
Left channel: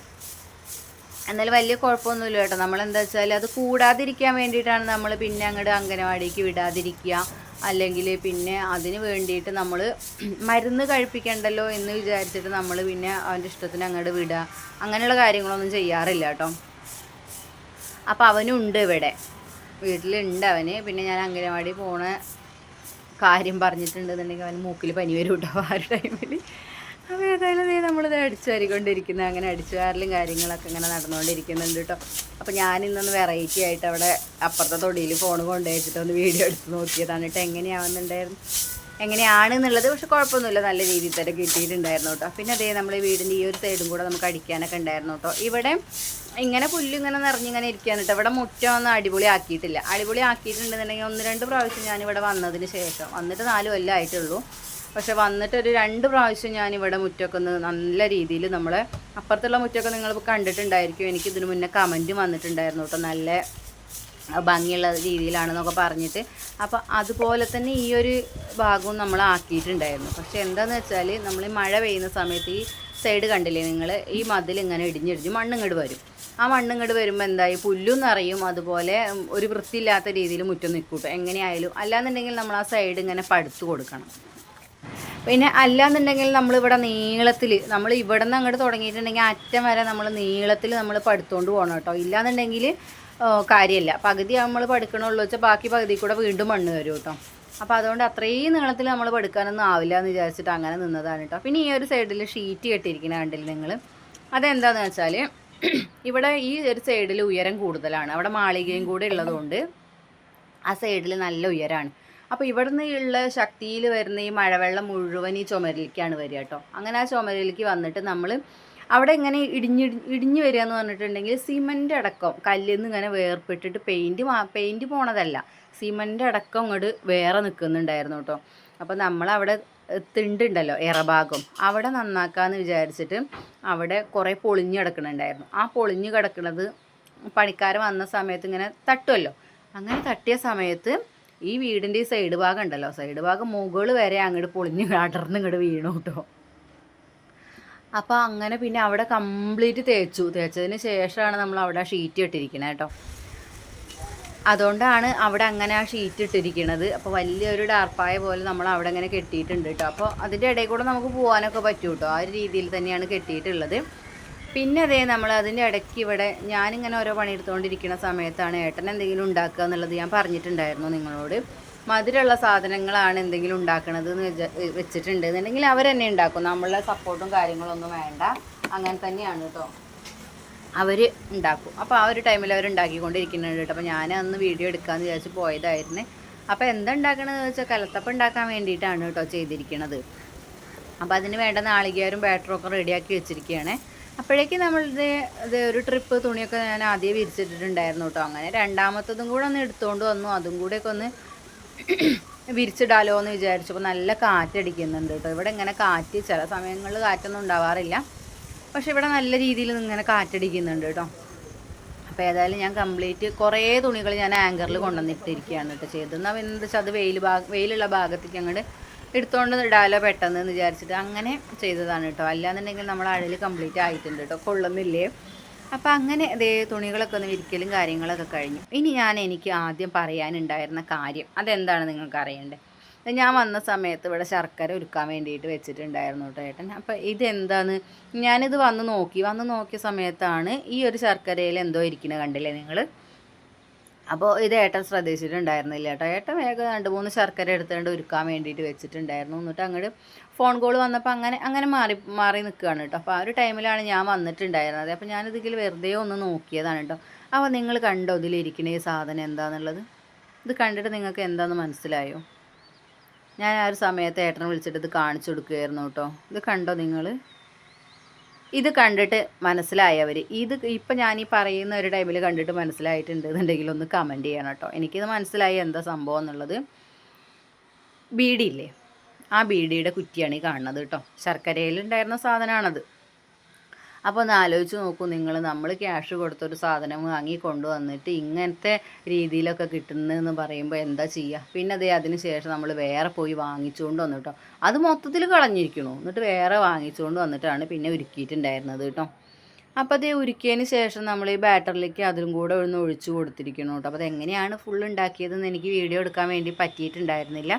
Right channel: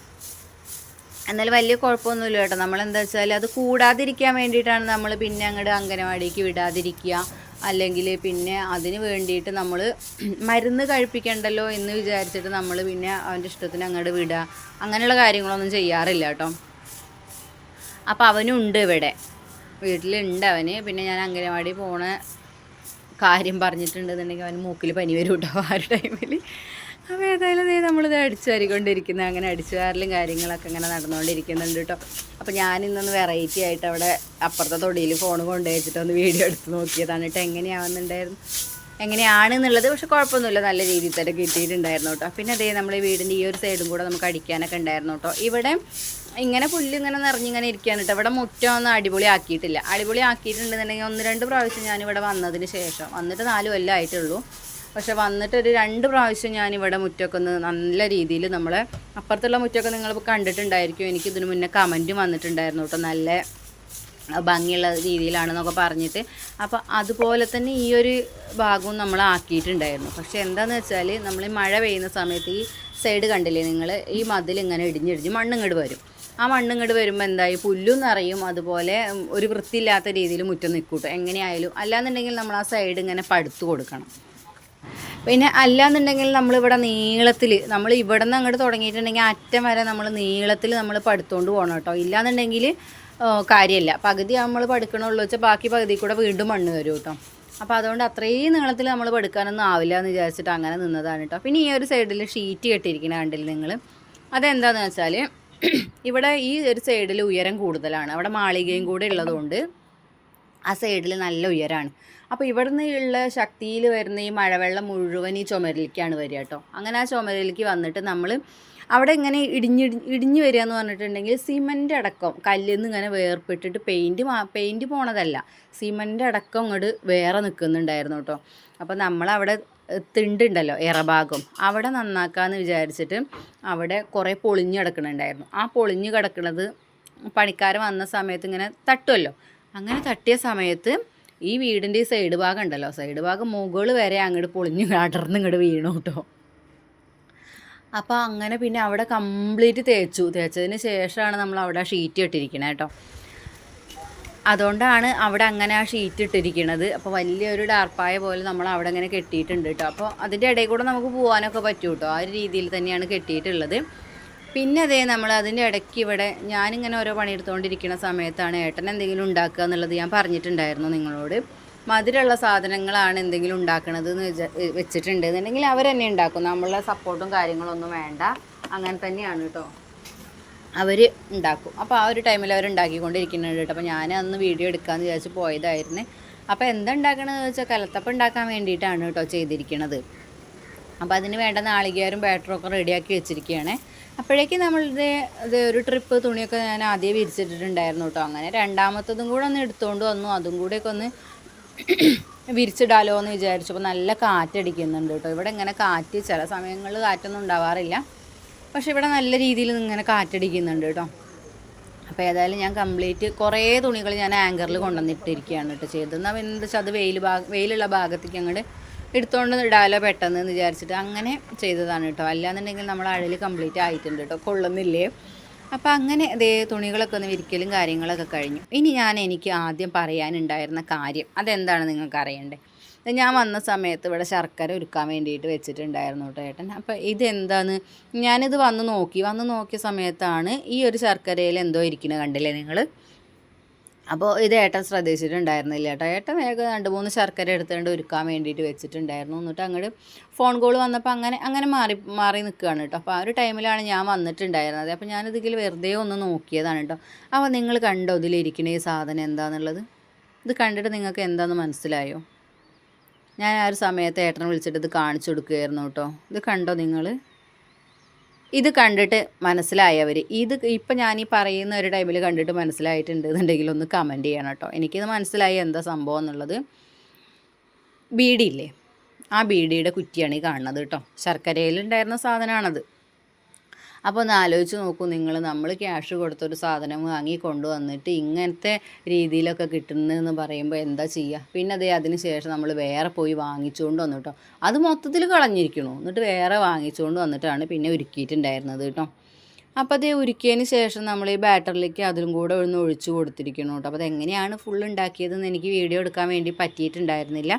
എന്നാലും വലിയ കുഴപ്പമൊന്നുമില്ല കേട്ടോ. നമ്മളെന്താ വെച്ചാൽ അത് കൂടാതിരിക്കാൻ വേണ്ടിയിട്ടാണ് നമ്മൾ പിന്നെ അങ്ങോട്ട് അംഗനവാടിക്ക് വിടാതിരിക്കുക. അല്ലെങ്കിൽ പിന്നെ അതിന് വേണ്ടിയിട്ട് നമ്മൾ മരുന്ന് കഴിപ്പിക്കണ്ടല്ലോ എന്ന് വിചാരിച്ചിട്ട് നമ്മൾ പിന്നെ അവന്റെ ഇഷ്ടത്തിന് അങ്ങോട്ട് വിടുക. അങ്ങനെയുള്ള കാര്യങ്ങളൊന്നും ചെയ്യാറില്ല കേട്ടോ. അപ്പോൾ അവനുണ്ട് ഇവിടെ. വീട്ടിലുണ്ട് അവന്. പിന്നെ ഞാൻ അംഗനവാടി പോണ കാര്യം പറഞ്ഞിട്ടുണ്ടെന്നുണ്ടെങ്കിൽ അവന് മൂക്കിൽ പനി വരും കേട്ടോ ആ ഒരു ടൈമിൽ അപ്പോൾ ഏതായാലും നീ നമ്മളിത് അടിച്ചു വാരിക്കൊണ്ടിരിക്കുന്നത് അങ്ങനെ അടിച്ചു വാരലും കാര്യങ്ങളൊക്കെ ഇങ്ങനെ നടന്നുകൊണ്ടിരിക്കുന്നുണ്ട് കേട്ടോ അപ്പോൾ ഞാൻ ഇന്നൊന്ന് വെറൈറ്റി ആയിട്ട് അവിടെ അപ്പുറത്തെ തൊടിയിൽ ഫോൺ കൊണ്ടുവച്ചിട്ട് ഒന്ന് വീഡിയോ എടുത്ത് നോക്കിയതാണ് കേട്ടോ എങ്ങനെയാവുന്നുണ്ടായിരുന്നു? എങ്ങനെയാണെന്നുള്ളത് പക്ഷെ കുഴപ്പമൊന്നുമില്ല. നല്ല രീതിയിൽ തന്നെ കിട്ടിയിട്ടുണ്ടായിരുന്നു കേട്ടോ പിന്നെ അതേ നമ്മൾ വീടിന്റെ ഈ ഒരു സൈഡും കൂടെ നമുക്ക് അടിക്കാനൊക്കെ ഉണ്ടായിരുന്നു കേട്ടോ ഇവിടെ ഇങ്ങനെ പുല്ല് ഇങ്ങനെ നിറഞ്ഞിങ്ങനെ ഇരിക്കുകയാണ് കേട്ടോ. ഇവിടെ മുറ്റം ഒന്നും അടിപൊളി ആക്കിയിട്ടില്ല അടിപൊളി ആക്കിയിട്ടുണ്ടെന്നുണ്ടെങ്കിൽ ഒന്ന് രണ്ട് പ്രാവശ്യം ഞാനിവിടെ വന്നതിന് ശേഷം വന്നിട്ട് നാല് കൊല്ലം ആയിട്ടുള്ളൂ പക്ഷെ വന്നിട്ട് ഒരു രണ്ട് പ്രാവശ്യം ഞാനിവിടെ മുറ്റമൊക്കെ ഒന്ന് നല്ല രീതിയിൽ നമ്മളെ അപ്പുറത്തുള്ള മുറ്റമൊക്കെ നിങ്ങൾ കണ്ടിട്ടുണ്ടായിരിക്കും. എനിക്ക് ഇതിന് മുന്നേ കമന്റും വന്നിട്ടുണ്ടായിരുന്നു കേട്ടോ. നല്ല ഭംഗിയുള്ള രീതിയിലാണെന്നൊക്കെ പറഞ്ഞിട്ട്. അപ്പോൾ അതുപോലെ തന്നെ ഈ ഒരു ഭാഗവും നമ്മൾ ആക്കിയിട്ടുണ്ടായിരുന്നു. പക്ഷെ എന്താണെന്ന് വെച്ചാൽ നമ്മൾ മഴ പെയ്യുന്ന സമയത്ത് ഈ സൈഡ് കണ്ടില്ലേ നിങ്ങൾ? ഈ മതിൽ ഇങ്ങനെ ഇടിഞ്ഞിടിഞ്ഞ് മണ്ണിങ്ങോട്ട് വരും. ആ മണ്ണ് ഇങ്ങോട്ട് വരുമ്പോൾ എന്തായി? പുല്ലും നിറയും. അതുപോലെ ഒരു വൃത്തിയില്ലാത്ത രീതിയിൽ മുറ്റം നിൽക്കൂട്ടോ എങ്ങനെയായാലും. അല്ലാന്നുണ്ടെങ്കിൽ നമ്മൾ ആ സൈഡ് ഇങ്ങനെ പടുത്തു കൊടുക്കണം. പിന്നെ അല്ലാന്നുണ്ടെങ്കിൽ നമ്മളിവിടെ നീളത്തിൽ നമ്മൾ ഇവിടെ നിന്ന് അങ്ങോട്ട് തുടങ്ങിയിട്ടുണ്ടെങ്കിൽ അറ്റം വരെ നമ്മൾ നീളത്തിൽ നമ്മൾ പടുത്തുകൊണ്ട് പോകണം കേട്ടോ. ഇല്ലാന്നുണ്ടെങ്കിൽ കാര്യമില്ല പകുതി നമ്മൾ പടുക്കണുള്ളൂ വെച്ചാൽ ബാക്കി പകുതി കൂടെ വീണ്ടും മണ്ണ് വരും കേട്ടോ. അപ്പോൾ അതുകൊണ്ട് അത്രയും നീളത്തിൽ നമ്മൾ എടുക്കാനൊന്നും ആവില്ല എന്ന് വിചാരിച്ചിട്ട് അങ്ങനെ നിന്നതാണ് കേട്ടോ. പിന്നെ ഈ ഒരു സൈഡിൽ ഷീറ്റ് കെട്ടിയിരിക്കുന്ന കണ്ടില്ല നിങ്ങൾ അതെന്താണെന്ന് വെച്ചാൽ ഇവിടെ ഈ ഒരു സൈഡിൽ ഉയരം കൂടുതലാണ്. അവിടെ മാളികയും കൂടെ ഉള്ളതുകൊണ്ട് ആ സൈഡിൽ നല്ല ഉയരമാണ് അപ്പോൾ ഇവിടുന്ന് ഉള്ള ശക്തിയിൽ വരുന്ന ഈ മഴവെള്ളം മുഴുവൻ ഈ ചുമരിലേക്കാണ് വരിക കേട്ടോ. അങ്ങനെ ആ ചുമരിലേക്ക് വന്നിട്ട് നമ്മൾ അവിടെ ഇങ്ങനെ ഇടിഞ്ഞ് ഇടിഞ്ഞു വരിക എന്ന് പറഞ്ഞിട്ടുണ്ടെങ്കിൽ സിമന്റ് അടക്കം കല്ലിൽ നിന്ന് ഇങ്ങനെ വേർപ്പെട്ടിട്ട് പെയിന്റ് പെയിന്റ് പോണതല്ല. സിമന്റ് അടക്കം ഇങ്ങോട്ട് വേറെ നിൽക്കുന്നുണ്ടായിരുന്നു കേട്ടോ. അപ്പോൾ നമ്മളവിടെ തിണ്ടുണ്ടല്ലോ ഇറഭാഗം അവിടെ നന്നാക്കാമെന്ന് വിചാരിച്ചിട്ട് അവിടെ കുറേ പൊളിഞ്ഞു കിടക്കുന്നുണ്ടായിരുന്നു ആ പൊളിഞ്ഞു കിടക്കുന്നത് പണിക്കാർ വന്ന സമയത്ത് ഇങ്ങനെ തട്ടുമല്ലോ അങ്ങനെ തട്ടിയ സമയത്ത് ഈ വീടിന്റെ ഈ സൈഡ് ഭാഗം ഉണ്ടല്ലോ സൈഡ് ഭാഗം മുകൾ വരെ അങ്ങോട്ട് പൊളിഞ്ഞ് [laughs] അടർന്ന് ഇങ്ങോട്ട് വീണു കേട്ടോ. അപ്പോൾ അങ്ങനെ പിന്നെ അവിടെ കംപ്ലീറ്റ് തേച്ചു. തേച്ചതിന് ശേഷമാണ് നമ്മൾ അവിടെ ഷീറ്റ് ഇട്ടിരിക്കണേ കേട്ടോ. അതുകൊണ്ടാണ് അവിടെ അങ്ങനെ ആ ഷീറ്റ് ഇട്ടിരിക്കുന്നത് അപ്പോൾ വലിയൊരു ഡാർപ്പായ പോലെ നമ്മൾ അവിടെ അങ്ങനെ കെട്ടിയിട്ടുണ്ട് കേട്ടോ അപ്പോൾ അതിന്റെ ഇടയിൽ കൂടെ നമുക്ക് പോകാനൊക്കെ പറ്റും കേട്ടോ ആ ഒരു രീതിയിൽ തന്നെയാണ് കെട്ടിയിട്ടുള്ളത്. പിന്നെ അതേ നമ്മൾ അതിന്റെ ഇടയ്ക്ക് ഇവിടെ ഞാനിങ്ങനെ ഓരോ പണിയെടുത്തുകൊണ്ടിരിക്കുന്ന സമയത്താണ് ഏട്ടൻ എന്തെങ്കിലും ഉണ്ടാക്കുക എന്നുള്ളത് ഞാൻ പറഞ്ഞിട്ടുണ്ടായിരുന്നു നിങ്ങളോട്. മധുരമുള്ള സാധനങ്ങളാണ് എന്തെങ്കിലും ഉണ്ടാക്കുന്നത് എന്ന് വിചാ വെച്ചിട്ടുണ്ട് എന്നുണ്ടെങ്കിൽ അവർ തന്നെ ഉണ്ടാക്കും. നമ്മളുടെ സപ്പോർട്ടും കാര്യങ്ങളൊന്നും വേണ്ട. അങ്ങനെ തന്നെയാണ് കേട്ടോ അവർ ഉണ്ടാക്കും. അപ്പോൾ ആ ഒരു ടൈമിൽ അവർ ഉണ്ടാക്കിക്കൊണ്ടിരിക്കുന്നുണ്ട് കേട്ടോ. അപ്പോൾ ഞാൻ അന്ന് വീഡിയോ എടുക്കാമെന്ന് വിചാരിച്ച് പോയതായിരുന്നു. അപ്പോൾ എന്താ ഉണ്ടാക്കണമെന്ന് വെച്ചാൽ കലത്തപ്പം ഉണ്ടാക്കാൻ വേണ്ടിയിട്ടാണ് കേട്ടോ ചെയ്തിരിക്കുന്നത് അപ്പോൾ അതിന് വേണ്ട നാളികേരും ബാറ്ററും ഒക്കെ റെഡിയാക്കി വെച്ചിരിക്കുകയാണ് അപ്പോഴേക്കും നമ്മളുടെ ഇത് ഒരു ട്രിപ്പ് തുണിയൊക്കെ ഞാൻ ആദ്യം വിരിച്ചിട്ടിട്ടുണ്ടായിരുന്നു കേട്ടോ. അങ്ങനെ രണ്ടാമത്തതും കൂടെ ഒന്ന് എടുത്തുകൊണ്ട് വന്നു. അതും കൂടെയൊക്കെ ഒന്ന് [clears throat] വിരിച്ചിടാലോ എന്ന് വിചാരിച്ചപ്പോൾ നല്ല കാറ്റടിക്കുന്നുണ്ട് കേട്ടോ. ഇവിടെ ഇങ്ങനെ കാറ്റ് ചില സമയങ്ങളിൽ കാറ്റൊന്നും ഉണ്ടാവാറില്ല. പക്ഷെ ഇവിടെ നല്ല രീതിയിൽ ഇങ്ങനെ കാറ്റടിക്കുന്നുണ്ട് കേട്ടോ. അപ്പോൾ ഏതായാലും ഞാൻ കംപ്ലീറ്റ് കുറേ തുണികൾ ഞാൻ ആങ്കറിൽ കൊണ്ടുവന്നിട്ടിരിക്കുകയാണ് കേട്ടോ ചെയ്തത്. എന്നാൽ എന്താ വെച്ചാൽ അത് വെയിൽ ഭാഗം വെയിലുള്ള ഭാഗത്തേക്ക് അങ്ങോട്ട് എടുത്തുകൊണ്ട് ഇടാലോ പെട്ടെന്ന് എന്ന് വിചാരിച്ചിട്ട് അങ്ങനെ ചെയ്തതാണ് കേട്ടോ. അല്ലാന്നുണ്ടെങ്കിൽ നമ്മൾ അഴൽ കംപ്ലീറ്റ് ആയിട്ടുണ്ട് കേട്ടോ കൊള്ളുന്നില്ലേ? അപ്പോൾ അങ്ങനെ അതേ തുണികളൊക്കെ ഒന്ന് വിരിക്കലും കാര്യങ്ങളൊക്കെ കഴിഞ്ഞു. ഇനി ഞാൻ എനിക്ക് ആദ്യം പറയാനുണ്ടായിരുന്ന കാര്യം അതെന്താണ് നിങ്ങൾക്ക് അറിയണ്ടേ? ഞാൻ വന്ന സമയത്ത് ഇവിടെ ശർക്കര ഒരുക്കാൻ വേണ്ടിയിട്ട് വെച്ചിട്ടുണ്ടായിരുന്നു കേട്ടോ ഏട്ടൻ. അപ്പോൾ ഇതെന്താണ്? ഞാനിത് വന്ന് നോക്കി. വന്ന് നോക്കിയ സമയത്താണ് ഈ ഒരു ശർക്കരയിൽ എന്തോ ഇരിക്കുന്നത് കണ്ടില്ലേ നിങ്ങൾ അപ്പോൾ ഇത് ഏട്ടൻ ശ്രദ്ധിച്ചിട്ടുണ്ടായിരുന്നില്ല കേട്ടോ ഏട്ടൻ വേഗം രണ്ട് മൂന്ന് ശർക്കര എടുത്തുകൊണ്ട് ഒരുക്കാൻ വേണ്ടിയിട്ട് വെച്ചിട്ടുണ്ടായിരുന്നു. എന്നിട്ട് അങ്ങോട്ട് ഫോൺ കോൾ വന്നപ്പോൾ അങ്ങനെ അങ്ങനെ മാറി മാറി നിൽക്കുകയാണ് കേട്ടോ അപ്പോൾ ആ ഒരു ടൈമിലാണ് ഞാൻ വന്നിട്ടുണ്ടായിരുന്നത്. അപ്പോൾ ഞാനിതിൽ വെറുതെ ഒന്ന് നോക്കിയതാണ് കേട്ടോ അപ്പോൾ നിങ്ങൾ കണ്ടോ ഇതിലിരിക്കുന്ന ഈ സാധനം എന്താണെന്നുള്ളത് ഇത് കണ്ടിട്ട് നിങ്ങൾക്ക് എന്താണെന്ന് മനസ്സിലായോ? ഞാൻ ആ ഒരു സമയത്ത് ഏട്ടനെ വിളിച്ചിട്ട് ഇത് കാണിച്ചു കൊടുക്കുകയായിരുന്നു കേട്ടോ. ഇത് കണ്ടോ നിങ്ങൾ ഇത് കണ്ടിട്ട് മനസ്സിലായവർ ഇത് ഇപ്പം ഞാൻ ഈ പറയുന്ന ഒരു ടൈമിൽ കണ്ടിട്ട് മനസ്സിലായിട്ടുണ്ട് എന്നുണ്ടെങ്കിൽ ഒന്ന് കമന്റ് ചെയ്യണം കേട്ടോ. എനിക്കിത് മനസ്സിലായി എന്താ സംഭവം എന്നുള്ളത്. ബീഡി ഇല്ലേ ആ ബീഡിയുടെ കുറ്റിയാണ് ഈ കാണുന്നത് കേട്ടോ. ശർക്കരയിലുണ്ടായിരുന്ന സാധനമാണത്. അപ്പോൾ ഒന്ന് ആലോചിച്ച് നോക്കൂ നിങ്ങൾ നമ്മൾ ക്യാഷ് കൊടുത്തൊരു സാധനം വാങ്ങി കൊണ്ടുവന്നിട്ട് ഇങ്ങനത്തെ രീതിയിലൊക്കെ കിട്ടുന്നതെന്ന് പറയുമ്പോൾ എന്താ ചെയ്യുക പിന്നെ അതേ അതിന് ശേഷം നമ്മൾ വേറെ പോയി വാങ്ങിച്ചുകൊണ്ട് വന്നു കേട്ടോ അത് മൊത്തത്തിൽ കളഞ്ഞിരിക്കണു. എന്നിട്ട് വേറെ വാങ്ങിച്ചുകൊണ്ട് വന്നിട്ടാണ് പിന്നെ ഒരുക്കിയിട്ടുണ്ടായിരുന്നത് കേട്ടോ അപ്പോൾ അതേ ഉരുക്കിയതിന് ശേഷം നമ്മൾ ഈ ബാറ്ററിലേക്ക് അതിലും കൂടെ ഒന്ന് ഒഴിച്ചു കൊടുത്തിരിക്കണം കേട്ടോ അപ്പോൾ അതെങ്ങനെയാണ് ഫുൾ ഉണ്ടാക്കിയതെന്ന് എനിക്ക് വീഡിയോ എടുക്കാൻ വേണ്ടി പറ്റിയിട്ടുണ്ടായിരുന്നില്ല.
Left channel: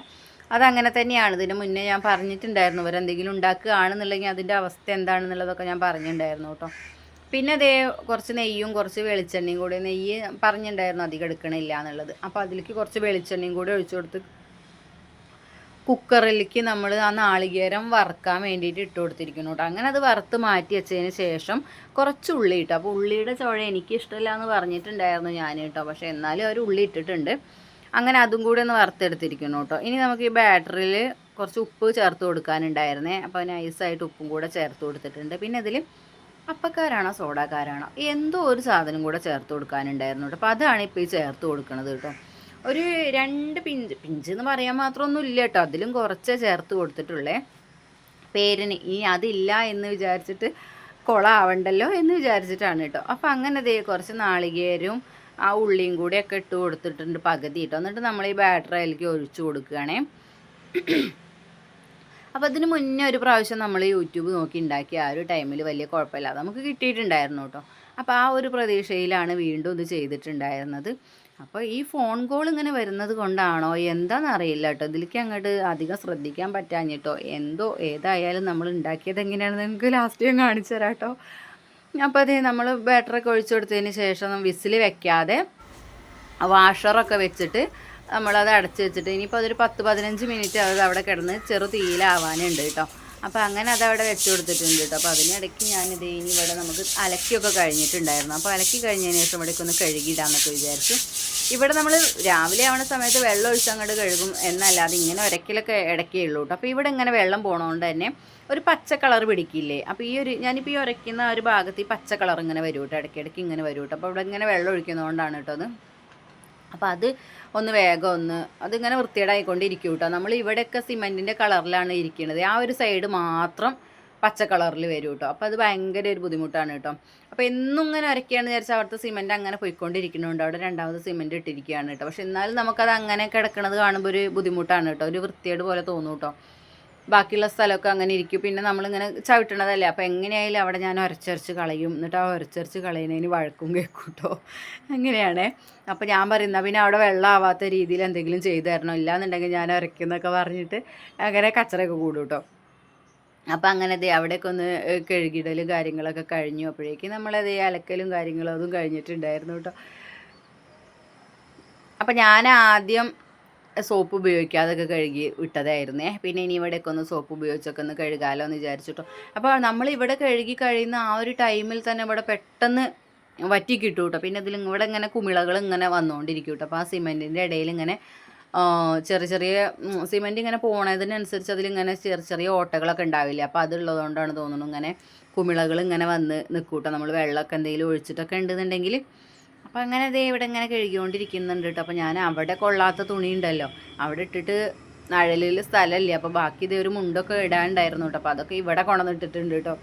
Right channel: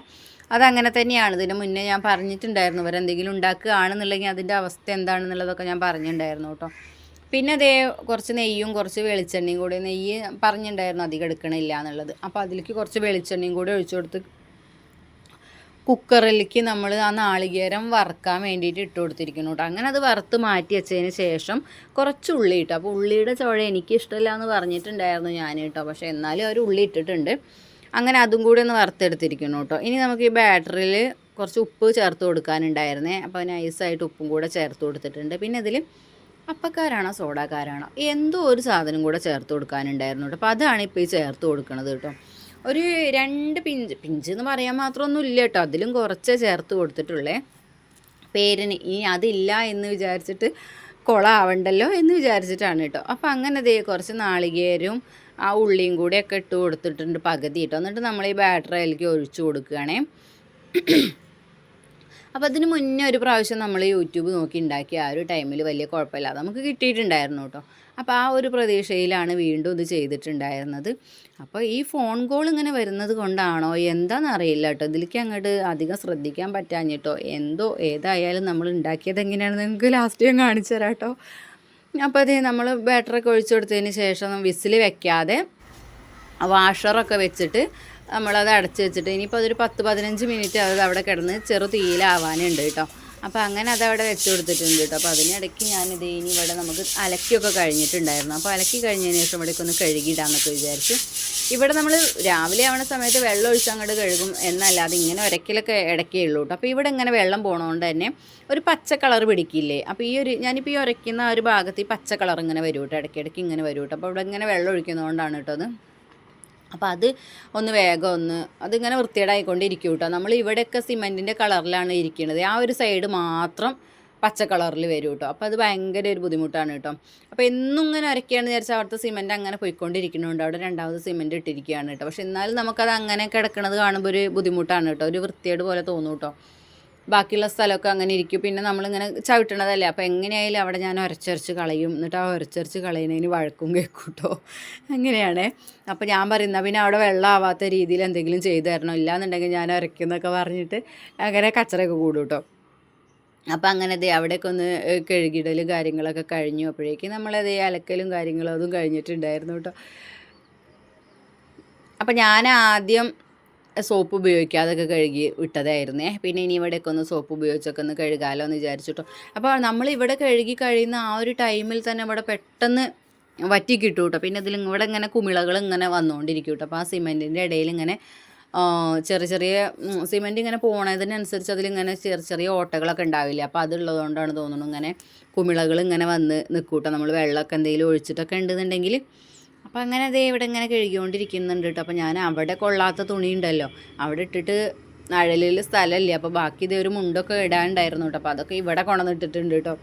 അതങ്ങനെ തന്നെയാണ്. ഇതിന് മുന്നേ ഞാൻ പറഞ്ഞിട്ടുണ്ടായിരുന്നു അവരെന്തെങ്കിലും ഉണ്ടാക്കുകയാണെന്നുണ്ടെങ്കിൽ അതിന്റെ അവസ്ഥ എന്താണെന്നുള്ളതൊക്കെ ഞാൻ പറഞ്ഞിട്ടുണ്ടായിരുന്നു കേട്ടോ. പിന്നെ അതേ കുറച്ച് നെയ്യും കുറച്ച് വെളിച്ചെണ്ണയും കൂടി നെയ്യ് പറഞ്ഞിട്ടുണ്ടായിരുന്നു അധികം എടുക്കണില്ല എന്നുള്ളത്. അപ്പോൾ അതിലേക്ക് കുറച്ച് വെളിച്ചെണ്ണയും കൂടി ഒഴിച്ചു കൊടുത്ത് കുക്കറിലേക്ക് നമ്മൾ ആ നാളികേരം വറുക്കാൻ വേണ്ടിയിട്ട് ഇട്ട് കൊടുത്തിരിക്കുന്നു കേട്ടോ. അങ്ങനെ അത് വറുത്ത് മാറ്റി വെച്ചതിന് ശേഷം കുറച്ച് ഉള്ളി ഇട്ടു. അപ്പോൾ ഉള്ളിയുടെ ചുഴ എനിക്ക് ഇഷ്ടമില്ല എന്ന് പറഞ്ഞിട്ടുണ്ടായിരുന്നു ഞാൻ കേട്ടോ. പക്ഷേ എന്നാലും അവർ ഉള്ളി ഇട്ടിട്ടുണ്ട്. അങ്ങനെ അതും കൂടി ഒന്ന് വറുത്തെടുത്തിരിക്കണം കേട്ടോ. ഇനി നമുക്ക് ഈ ബാറ്ററിയിൽ കുറച്ച് ഉപ്പ് ചേർത്ത് കൊടുക്കാനുണ്ടായിരുന്നേ. അപ്പോൾ നൈസായിട്ട് ഉപ്പും കൂടെ ചേർത്ത് കൊടുത്തിട്ടുണ്ട്. പിന്നെ ഇതിൽ അപ്പക്കാരാണോ സോഡാക്കാരാണോ? എന്തോ ഒരു സാധനം കൂടെ ചേർത്ത് കൊടുക്കാനുണ്ടായിരുന്നു കേട്ടോ. അപ്പോൾ അതാണ് ഇപ്പോൾ ഈ ചേർത്ത് കൊടുക്കുന്നത് കേട്ടോ. ഒരു രണ്ട് പിഞ്ച് പിഞ്ച് എന്ന് പറയാൻ മാത്രമൊന്നും ഇല്ല കേട്ടോ. അതിലും കുറച്ച് ചേർത്ത് കൊടുത്തിട്ടുള്ളേ. പേരിന് ഇനി അതില്ല എന്ന് വിചാരിച്ചിട്ട് കൊളാവണ്ടല്ലോ എന്ന് വിചാരിച്ചിട്ടാണ് കേട്ടോ. അപ്പോൾ അങ്ങനെ ദേ കുറച്ച് നാളികേരവും ആ ഉള്ളിയും കൂടിയൊക്കെ ഇട്ട് കൊടുത്തിട്ടുണ്ട് പകുതി ഇട്ടോ. എന്നിട്ട് നമ്മൾ ഈ ബാറ്ററി അതിലേക്ക് ഒഴിച്ചു കൊടുക്കുകയാണേ. അപ്പോൾ അതിന് മുന്നേ ഒരു പ്രാവശ്യം നമ്മൾ യൂട്യൂബ് നോക്കി ഉണ്ടാക്കിയ ആ ഒരു ടൈമിൽ വലിയ കുഴപ്പമില്ലാതെ നമുക്ക് കിട്ടിയിട്ടുണ്ടായിരുന്നു കേട്ടോ. അപ്പോൾ ആ ഒരു പ്രതീക്ഷയിലാണ് വീണ്ടും ഇത് ചെയ്തിട്ടുണ്ടായിരുന്നത്. അപ്പോൾ ഈ ഫോൺ കോൾ ഇങ്ങനെ വരുന്നത് കൊണ്ടാണോ? എന്താണെന്ന് അറിയില്ല കേട്ടോ. ഇതിലേക്ക് അങ്ങോട്ട് അധികം ശ്രദ്ധിക്കാൻ പറ്റാഞ്ഞിട്ടോ? എന്തോ ഏതായാലും നമ്മൾ ഉണ്ടാക്കിയത് എങ്ങനെയാണെന്ന് നിങ്ങൾക്ക് ലാസ്റ്റ് ഞാൻ കാണിച്ചു തരാം കേട്ടോ. അപ്പോൾ അതേ നമ്മൾ ബാറ്ററൊക്കെ ഒഴിച്ചു കൊടുത്തതിന് ശേഷം വിസിൽ വെക്കാതെ വാഷറൊക്കെ വെച്ചിട്ട് നമ്മളത് അടച്ച് വെച്ചിട്ട് ഇനിയിപ്പോൾ അതൊരു പത്ത് പതിനഞ്ച് മിനിറ്റ് അത് അവിടെ കിടന്ന് ചെറു തീയിലാവാനുണ്ട് കേട്ടോ. അപ്പോൾ അങ്ങനെ അത് അവിടെ വെച്ച് കൊടുത്തിട്ടുണ്ട് കേട്ടോ. അപ്പോൾ അതിനിടയ്ക്ക് ഞാനിത് ഇനി ഇവിടെ നമുക്ക് അലക്കിയൊക്കെ കഴിഞ്ഞിട്ടുണ്ടായിരുന്നു. അപ്പോൾ അലക്കി കഴിഞ്ഞതിന് ശേഷം ഇവിടേക്ക് ഒന്ന് കഴുകിയിടാമെന്നൊക്കെ വിചാരിച്ച്. ഇവിടെ നമ്മൾ രാവിലെ ആവുന്ന സമയത്ത് വെള്ളം ഒഴിച്ച് അങ്ങോട്ട് കഴുകും എന്നല്ലാതെ ഇങ്ങനെ ഒരക്കിലൊക്കെ ഇടയ്ക്കേ ഉള്ളൂ കേട്ടോ. അപ്പോൾ ഇവിടെ ഇങ്ങനെ വെള്ളം പോണതുകൊണ്ട് തന്നെ ഒരു പച്ച കളർ പിടിക്കില്ലേ? അപ്പോൾ ഈ ഒരു ഞാനിപ്പോൾ ഈ ഉരയ്ക്കുന്ന ഒരു ഭാഗത്ത് ഈ പച്ച കളർ ഇങ്ങനെ വരും കേട്ടോ ഇടയ്ക്കിടയ്ക്ക് ഇങ്ങനെ വരും കേട്ടോ അപ്പോൾ ഇവിടെ ഇങ്ങനെ വെള്ളം ഒഴിക്കുന്നതുകൊണ്ടാണ് കേട്ടോ അത്. അപ്പോൾ അത് ഒന്ന് വേഗം ഒന്ന് അതിങ്ങനെ വൃത്തികേടായിക്കൊണ്ടിരിക്കും കേട്ടോ നമ്മൾ ഇവിടെയൊക്കെ സിമെന്റിന്റെ കളറിലാണ് ഇരിക്കുന്നത് ആ ഒരു സൈഡ് മാത്രം പച്ച കളറിൽ വരും കേട്ടോ അപ്പോൾ അത് ഭയങ്കര ഒരു ബുദ്ധിമുട്ടാണ് കേട്ടോ. അപ്പോൾ എന്നും ഇങ്ങനെ അരക്കുകയാണെന്ന് വിചാരിച്ചാൽ അവിടുത്തെ സിമെന്റ് അങ്ങനെ പോയിക്കൊണ്ടിരിക്കുന്നുണ്ട്. അവിടെ രണ്ടാമത് സിമെന്റ് ഇട്ടിരിക്കുകയാണ് കേട്ടോ. പക്ഷെ എന്നാലും നമുക്കത് അങ്ങനെ കിടക്കുന്നത് കാണുമ്പോൾ ഒരു ബുദ്ധിമുട്ടാണ് കേട്ടോ. ഒരു വൃത്തിയേട് പോലെ തോന്നും കേട്ടോ ബാക്കിയുള്ള സ്ഥലമൊക്കെ അങ്ങനെ ഇരിക്കും. പിന്നെ നമ്മളിങ്ങനെ ചവിട്ടണതല്ലേ. അപ്പോൾ എങ്ങനെയായാലും അവിടെ ഞാൻ ഉരച്ചരച്ച് കളയും. എന്നിട്ട് ആ ഉരച്ചരച്ച് കളയുന്നതിന് വഴക്കും കേൾക്കും കേട്ടോ അങ്ങനെയാണേ. അപ്പോൾ ഞാൻ പറയുന്ന പിന്നെ അവിടെ വെള്ളം ആവാത്ത രീതിയിൽ എന്തെങ്കിലും ചെയ്തു തരണം? ഇല്ലാന്നുണ്ടെങ്കിൽ ഞാൻ ഉരയ്ക്കുന്നൊക്കെ പറഞ്ഞിട്ട് അങ്ങനെ കച്ചറയൊക്കെ കൂടും കേട്ടോ അപ്പോൾ അങ്ങനെ ദേ അവിടെയൊക്കെ ഒന്ന് കഴുകിടലും കാര്യങ്ങളൊക്കെ കഴിഞ്ഞു. അപ്പോഴേക്കും നമ്മളത് അലക്കലും കാര്യങ്ങളും അതും കഴിഞ്ഞിട്ടുണ്ടായിരുന്നു കേട്ടോ അപ്പോൾ ഞാൻ ആദ്യം സോപ്പ് ഉപയോഗിക്കാതൊക്കെ കഴുകി വിട്ടതായിരുന്നേ പിന്നെ ഇനി ഇവിടെയൊക്കെ ഒന്ന് സോപ്പ് ഉപയോഗിച്ചൊക്കെ ഒന്ന് കഴുകാമല്ലോ എന്ന് വിചാരിച്ചിട്ടോ. അപ്പോൾ നമ്മൾ ഇവിടെ കഴുകി കഴിയുന്ന ആ ഒരു ടൈമിൽ തന്നെ ഇവിടെ പെട്ടെന്ന് വറ്റി കിട്ടും കേട്ടോ പിന്നെ ഇതിൽ ഇവിടെ ഇങ്ങനെ കുമിളകൾ ഇങ്ങനെ വന്നുകൊണ്ടിരിക്കും കേട്ടോ അപ്പോൾ ആ സിമെന്റിന്റെ ഇടയിൽ ഇങ്ങനെ ചെറിയ ചെറിയ സിമെന്റ് ഇങ്ങനെ പോണതിനനുസരിച്ച് അതിലിങ്ങനെ ചെറിയ ചെറിയ ഓട്ടകളൊക്കെ ഉണ്ടാവില്ല. അപ്പോൾ അതുള്ളതുകൊണ്ടാണ് തോന്നുന്നു ഇങ്ങനെ കുമിളകൾ ഇങ്ങനെ വന്ന് നിൽക്കൂട്ടോ നമ്മൾ വെള്ളമൊക്കെ എന്തെങ്കിലും ഒഴിച്ചിട്ടൊക്കെ ഉണ്ടെന്നുണ്ടെങ്കിൽ അപ്പോൾ അങ്ങനെ ദേ ഇവിടെ ഇങ്ങനെ കഴുകിക്കൊണ്ടിരിക്കുന്നുണ്ട് കേട്ടോ അപ്പോൾ ഞാൻ അവിടെ കൊള്ളാത്ത തുണി ഉണ്ടല്ലോ അവിടെ ഇട്ടിട്ട് അഴലിൽ സ്ഥലമില്ല അപ്പോൾ ബാക്കി ഇതേ ഒരു മുണ്ടൊക്കെ ഇടാണ്ടായിരുന്നു കേട്ടോ അപ്പോൾ അതൊക്കെ ഇവിടെ കൊണ്ടുവന്നിട്ടിട്ടുണ്ട് കേട്ടോ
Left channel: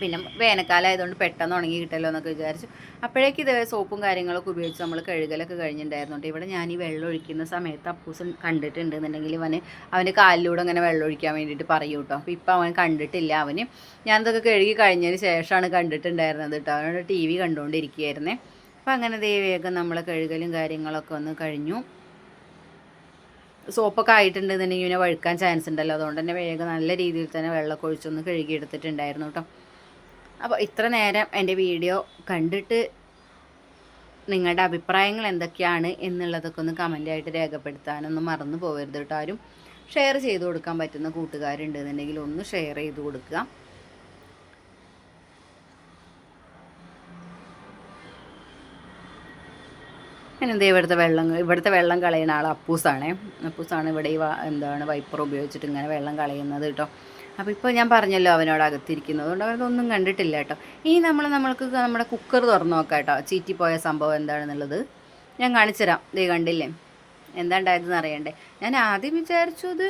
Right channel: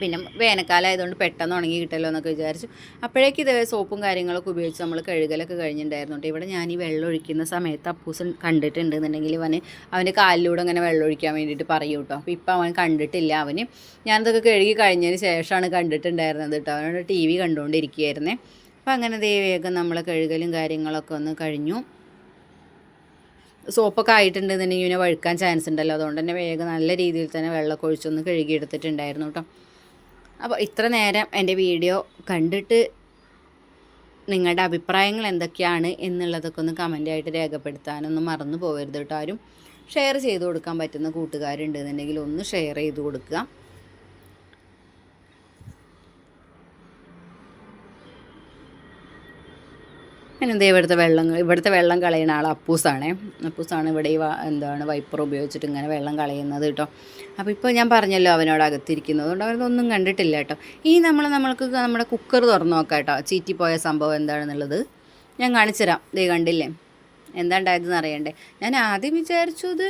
പിന്നെ വേനൽക്കാലം ആയതുകൊണ്ട് പെട്ടെന്ന് ഉണങ്ങി കിട്ടല്ലോ എന്നൊക്കെ വിചാരിച്ചു. അപ്പോഴേക്ക് ഇതേ സോപ്പും കാര്യങ്ങളൊക്കെ ഉപയോഗിച്ച് നമ്മൾ കഴുകലൊക്കെ കഴിഞ്ഞിട്ടുണ്ടായിരുന്നു കേട്ടോ ഇവിടെ ഞാൻ ഈ വെള്ളം ഒഴിക്കുന്ന സമയത്ത് അപ്പൂസൻ കണ്ടിട്ടുണ്ട് എന്നുണ്ടെങ്കിൽ അവന് അവന്റെ കാലിലൂടെ അങ്ങനെ വെള്ളം ഒഴിക്കാൻ വേണ്ടിയിട്ട് പറയും കേട്ടോ അപ്പോൾ ഇപ്പോൾ അവൻ കണ്ടിട്ടില്ല. അവന് ഞാനിതൊക്കെ കഴുകി കഴിഞ്ഞതിന് ശേഷമാണ് കണ്ടിട്ടുണ്ടായിരുന്നത് കേട്ടോ അവനോട് ടി വി കണ്ടുകൊണ്ടിരിക്കുകയായിരുന്നേ. അപ്പോൾ അങ്ങനെ ദേവിയൊക്കെ നമ്മൾ കഴുകലും കാര്യങ്ങളൊക്കെ ഒന്ന് കഴിഞ്ഞു. സോപ്പൊക്കെ ആയിട്ടുണ്ടെന്നുണ്ടെങ്കിൽ ഇങ്ങനെ വഴുക്കാൻ ചാൻസ് ഉണ്ടല്ലോ. അതുകൊണ്ട് തന്നെ വേഗം നല്ല രീതിയിൽ തന്നെ വെള്ളമൊക്കെ ഒഴിച്ചൊന്ന് കഴുകിയെടുത്തിട്ടുണ്ടായിരുന്നു കേട്ടോ. അപ്പോൾ ഇത്ര നേരം എന്റെ വീഡിയോ കണ്ടിട്ട് നിങ്ങളുടെ അഭിപ്രായങ്ങൾ എന്തൊക്കെയാണ് എന്നുള്ളതൊക്കെ ഒന്ന് കമന്റായിട്ട് രേഖപ്പെടുത്താനൊന്നും മറന്നു പോകരുത് കേട്ടോ ആരും. ഷെയർ ചെയ്ത് കൊടുക്കാൻ പറ്റുന്ന കൂട്ടുകാരുണ്ടെന്നുണ്ടെങ്കിൽ ഒന്ന് ഷെയർ ചെയ്ത് കൊടുക്കുക. പിന്നെ എന്താ ഇവിടുത്തെ വെള്ളം ഇവിടുത്തെ വെള്ളം കളയുന്ന ആൾ അപ്പൂസാണ്. അപ്പൂസാണ് ഇവിടെ ഈ എന്താണ് വൈപ്പർ ഉപയോഗിച്ചിട്ട് ഇങ്ങനെ വെള്ളം കളയുന്നത് കേട്ടോ. അപ്പോൾ ഇപ്പോൾ ഞാൻ പറഞ്ഞല്ലോ അവനോട് അകത്തിരിക്കുന്നത്. കൊണ്ട് അവരതൊന്നും കണ്ടിട്ടില്ല കേട്ടോ. ഈ നമ്മൾ നമ്മൾക്ക് നമ്മുടെ കുക്കർ തുറന്നു നോക്കാം കേട്ടോ. ചീറ്റിപ്പോയ സംഭവം എന്താണെന്നുള്ളത്. ഞാൻ കാണിച്ചു തരാം ദേ കണ്ടില്ലേ? എന്താ ഉണ്ടായതെന്ന് അറിയണ്ടേ? ഞാൻ ആദ്യം വിചാരിച്ചു ഇത്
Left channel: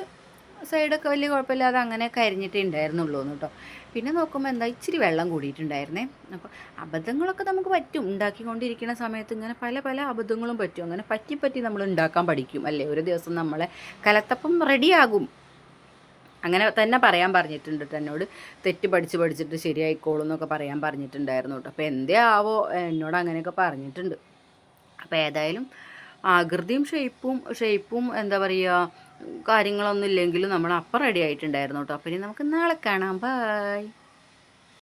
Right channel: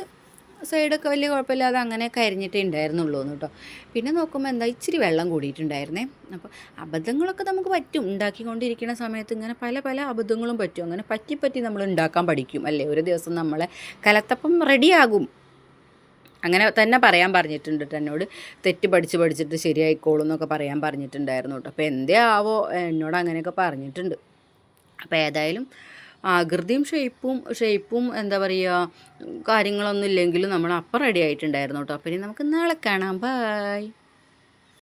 സൈഡൊക്കെ വലിയ കുഴപ്പമില്ലാതെ അങ്ങനെ കരിഞ്ഞിട്ടേ ഉണ്ടായിരുന്നുള്ളൂ കേട്ടോ. പിന്നെ നോക്കുമ്പോൾ എന്താ ഇച്ചിരി വെള്ളം കൂടിയിട്ടുണ്ടായിരുന്നേ. അപ്പോൾ അബദ്ധങ്ങളൊക്കെ നമുക്ക് പറ്റും. ഉണ്ടാക്കിക്കൊണ്ടിരിക്കുന്ന സമയത്ത് ഇങ്ങനെ പല പല അബദ്ധങ്ങളും പറ്റും. അങ്ങനെ പറ്റി പറ്റി നമ്മൾ ഉണ്ടാക്കാൻ പഠിക്കും അല്ലേ? ഒരു ദിവസം നമ്മളെ കലത്തപ്പം റെഡിയാകും അങ്ങനെ തന്നെ പറയാൻ പറഞ്ഞിട്ടുണ്ട് കേട്ടോ എന്നോട്. തെറ്റ് പഠിച്ച് പഠിച്ചിട്ട് ശരിയായിക്കോളും എന്നൊക്കെ പറയാൻ പറഞ്ഞിട്ടുണ്ടായിരുന്നു കേട്ടോ. അപ്പോൾ എന്തേ ആവോ എന്നോട് അങ്ങനെയൊക്കെ പറഞ്ഞിട്ടുണ്ട്. അപ്പോൾ ഏതായാലും ആകൃതിയും ഷേപ്പും ഷേപ്പും എന്താ പറയുക കാര്യങ്ങളൊന്നും ഇല്ലെങ്കിലും നമ്മൾ അപ്പം റെഡി ആയിട്ടുണ്ടായിരുന്നു കേട്ടോ. അപ്പം ഇനി നമുക്ക് നാളെ കാണാം. ബായ്